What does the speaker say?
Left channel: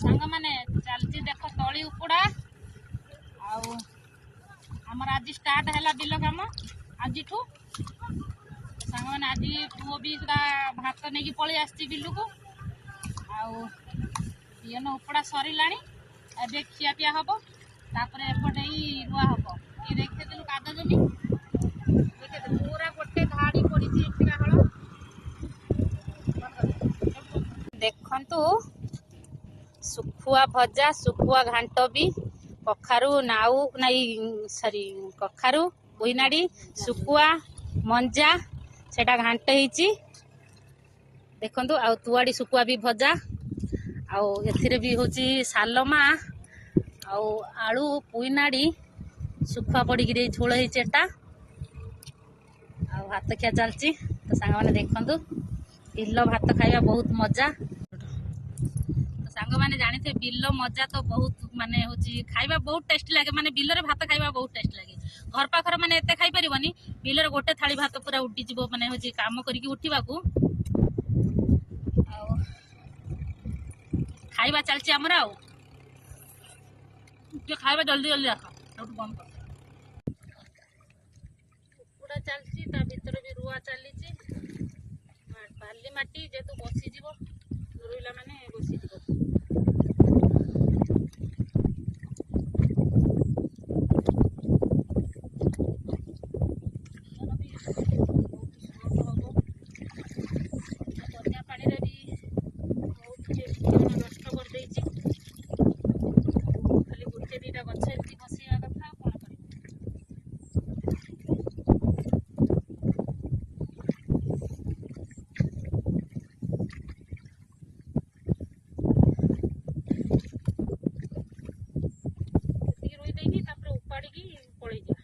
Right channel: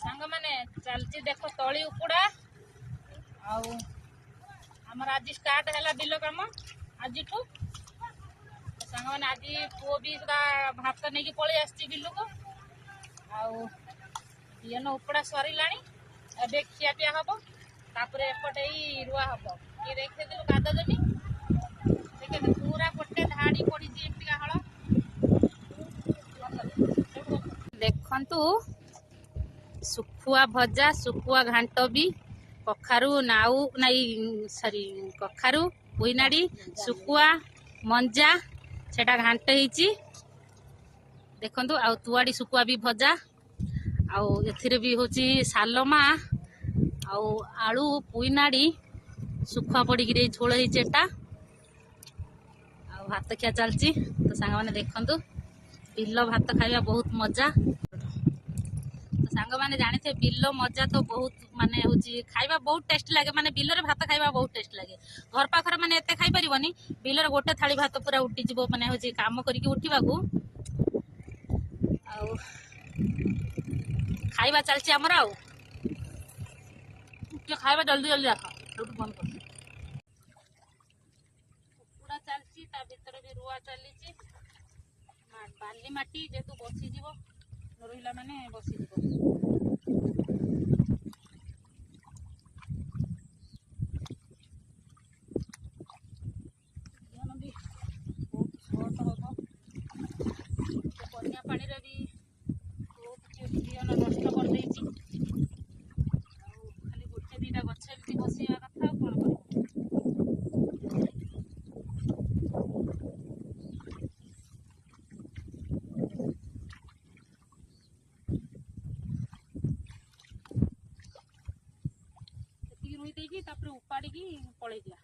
सांग माने चलती देख तली उपड़ा आमर आज स्टार्ट है बिल कम आज सांग मैंने आज पुओ भी सुधा भात नहीं पलि आसी बिल को आन उपड़ा सरला ए खियापिया हम तापर एपटे रुआ हम ये देखे काद जमी देखे पूरा गोटे धाड़ी पड़ी हल देखु सुखुआ भजा सुखुआ घांट भी कखारू नाऊ नहीं सॉरी कखारू बुईनाड़ी सुखुआ मंजा सेटा घांट होईची देखंतु आ तुआड़ी सुखुआ भी भजा आउ एथिरे भी होची सालमा आउ आलू पुईनाड़ी सुखुआ पड़ी गिरे झोल होईची एटा आ भात खिया चलची तो सांग माने देखंतु बिल भात खाइबा बहुत मजा सांग माने जानी थे बिल मजा तो बहुत माने होची खाइबा बहुत टेस्टी लगे माने बिल रे भात खाइबा बहुत टेस्ट लगे घर पाखर माने एते खाइ परिबनी बिल रे गोटे थाली भात पूरा उठी जिवो माने होची काम करिके उठीबा को आ खाइबा चलची हमरा आ जो खाइबा जल्दी जल्दी रखा रोटी बंद कर पूरा चलची ता भीतर भी रुआ चलीची बाली माटी जेतु बसी जिवो रुइला माने बसी जिवो रुई देगी उपाड़ी पलि जा